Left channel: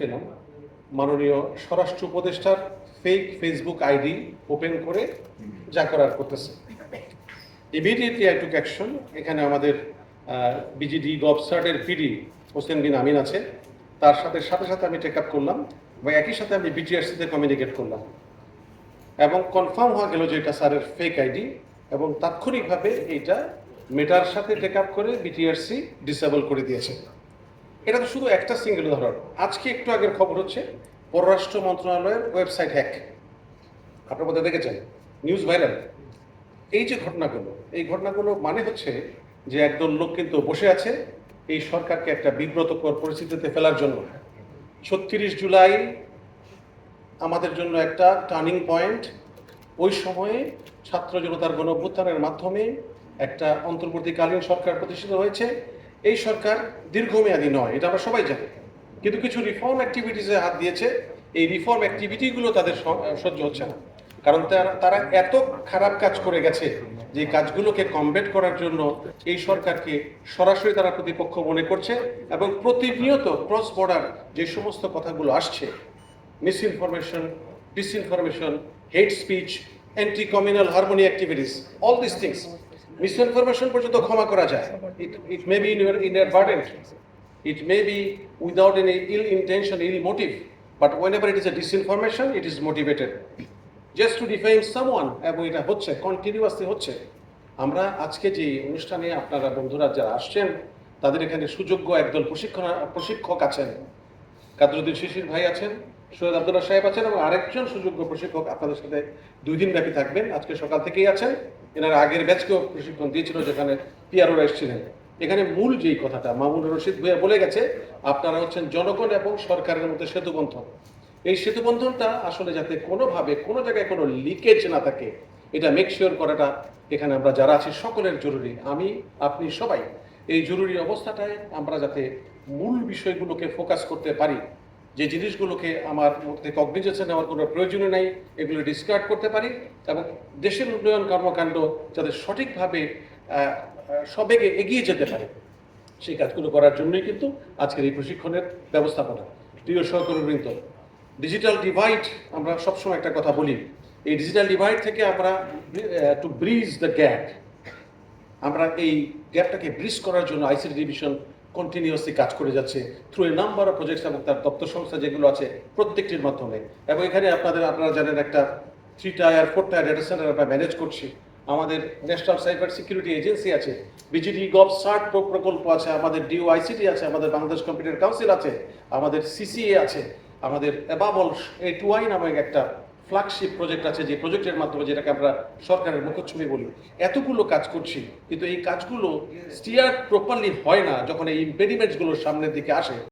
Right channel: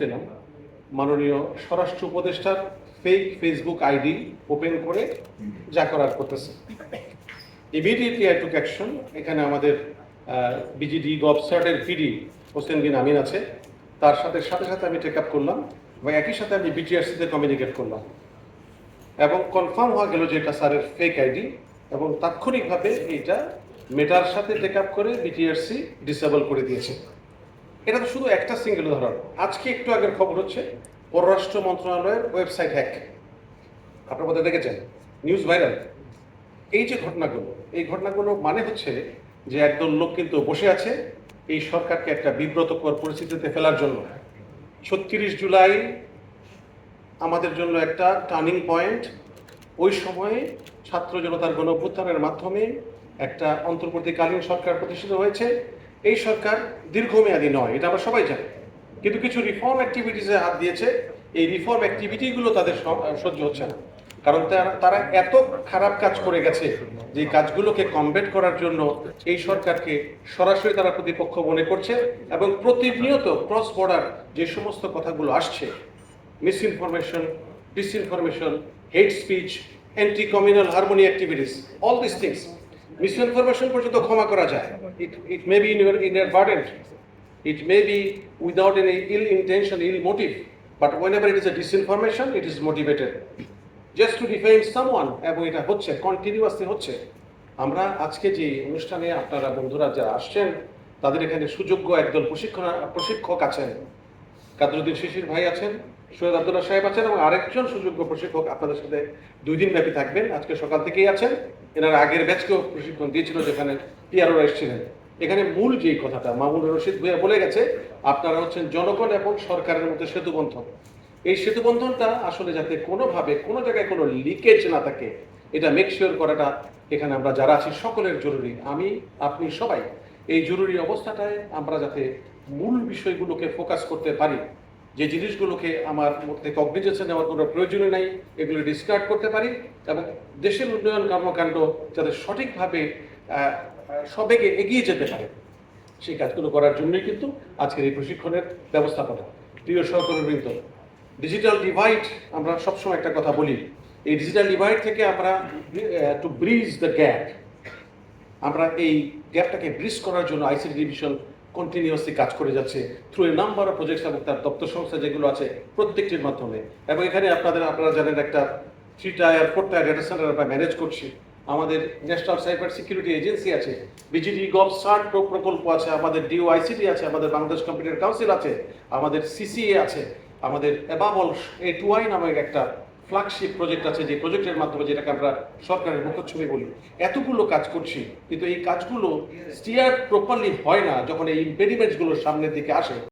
পেলাম মাননীয় স্বরাষ্ট্র উপদেষ্টার ফেক ফেসবুক আইডি ওপেন করে যা করার করতেছে। Immediately I took action. এখানে আমাদের বিজিডি গভসার্টের পিডি হোসেন বিন আমিন আছে, তার সাথে সাথে আমি টেক আপ করলাম এবং একই সাথে আমি বিটিআরসিতে কমিউনিকেট করলাম এবং কনফার্ম হয়ে গেল যে এটা স্যারের ফেক আইডি এবং তাৎক্ষণিকভাবে এইটা মেটার সাথে টেক আপ করে বিটিআরসি ডিসেবল করে দিয়েছে। এটা তো শুধু একটা সিঙ্গেল উদাহরণ। আজকে একটু আগের খবর হচ্ছে পররাষ্ট্র মন্ত্রণালয়ের ওয়েবসাইট হ্যাক, আপনার মধ্যে দেখেছেন, নিউজ ভাইরাল। এই যে ঘটনাগুলো, এই ঘটনাগুলো মানে হচ্ছে যে একদল লোক কিন্তু বসে আছে এই সরকারকে একটা বিব্রতকর পরিস্থিতিতে ফেলার জন্য। ৩৬ জুলাই আমাদের জন্য একটা টার্নিং পয়েন্ট। ওই সময়ে ছাত্র জনতার গণ অভ্যুত্থানের মাধ্যমে একটা অন্তর্বর্তীকালীন সরকার প্রতিষ্ঠিত হয়েছে। এই সরকার দীর্ঘমেয়াদী নয়, এটা আমরা সবাই জানি, কিন্তু কিছু রিফর্ম অ্যাক্টিভিটিসে হাত দিয়েছে। এই রিফর্ম অ্যাক্টিভিটিগুলো তাদের সহ্য হচ্ছে না, কারণ তারা এত খারাপ কাজ করে গেছে যে কাজগুলোকে কমব্যাট করার জন্য এই সরকারকে সরাসরি তারা প্রতিপক্ষ মনে করছে এবং প্রতিনিয়ত ক্রস বর্ডার যে সমস্ত কথাগুলো আসছে, misinformation, disinformation, hate speech, anti communal harmony activities, all this things. Misinformation পর্যন্ত ক্ষমা করা যায়, it may be inadvertent, it may be without any ill intention, ill motive, but whenever it is a disinformation, it is motivated just to defame someone, এবং এটা হচ্ছে continuously হচ্ছে। আমরা আজকে যে অনুষ্ঠানে আপনারা বন্ধুরা যারা আসছেন, তাদের এখানে সুযোগ্য একদল প্রশিক্ষক আছেন, কাদরুদ্দিন শিশির ভাই আছেন, সৈয়দ আব্দুল্লাহ সাহেব আছেন এবং আরেকজন সুযোগ্য প্রশিক্ষক আপনাদের সাথে 2 দিন ব্যাপী থাকবেন। আজকে সকাল থেকেই আছেন, এনারা আগের ব্যাচকেও প্রশিক্ষণ দিয়েছিল যেখানে পিআরওরা এসেছিলেন। এখানে মূল যেই কথাটা মামুন রশিদ ভাইয়া বলে গেছে, আপনারা হচ্ছেন জনগণ এবং সরকারের মধ্যে সেতুবন্ধন। এই সেতুবন্ধনটা আসলে যাতে কোনোভাবে কোনো জায়গায় কোনো লিকেজ না থাকে, এটা মেক শিওর করাটা এখানে আমরা যারা আছি সকলের জরুরি। আমি, আপনি সবাই এই জরুরি অবস্থাটায় আমরা যাতে মূল বিষয়গুলোকে ফোকাস করতে পারি, যে জিনিসগুলোকে আমার মধ্যে কগনিজেশন নেওয়ার কোনো প্রয়োজনই নাই, এগুলো ডিসকার্ড করতে পারি এবং দেশের উন্নয়ন কর্মকাণ্ড যাতে সঠিকভাবে সবেগে এগিয়ে যেতে পারে, সেই কাজগুলো করার জন্যই কিন্তু আজকের এই প্রশিক্ষণের ব্যবস্থাপনা। প্রিয় সহকর্মীবৃন্দ, ডিজিটাল ডিভাইড, আমরা সবসময় একটা কথা বলি, এই ডিজিটাল ডিভাইড থেকে আমরা টু ব্রিজ দ্য গ্যাপ, আমরা এই গ্যাপটাকে ব্রিজ করার জন্য আইসিটি ডিভিশন কন্টিনিউয়াসলি কাজ করে যাচ্ছে through a number of projects এবং তার দপ্তর সংস্থা যেগুলো আছে প্রত্যেকটির মাধ্যমে। এবং এখানে আপনারা জানেন একটা 3 টায়ার 4 টায়ার ডেটা সেন্টার আমরা ম্যানেজ করছি। আমাদের ন্যাশনাল সাইবার সিকিউরিটি এজেন্সি আছে, বিজিডি গভসার্ট প্রকল্প আছে, আমাদের ডিওআইসিটি আছে, আমাদের বাংলাদেশ কম্পিউটার কাউন্সিল আছে, আমাদের সিসিএ আছে, আমাদের এবাবল A2I নামে একটা ফ্ল্যাগশিপ প্রজেক্ট আছে, যে প্রজেক্টের মাধ্যমে যেটাকে আমরা সরকারের মুখচ্ছবি বলি। এতগুলো কাজ করছি, কিন্তু এই কাজগুলো স্টিয়ার প্রপারলি হয় না যখন এই ইম্পেডিমেন্টসগুলো সামনের দিকে আসে।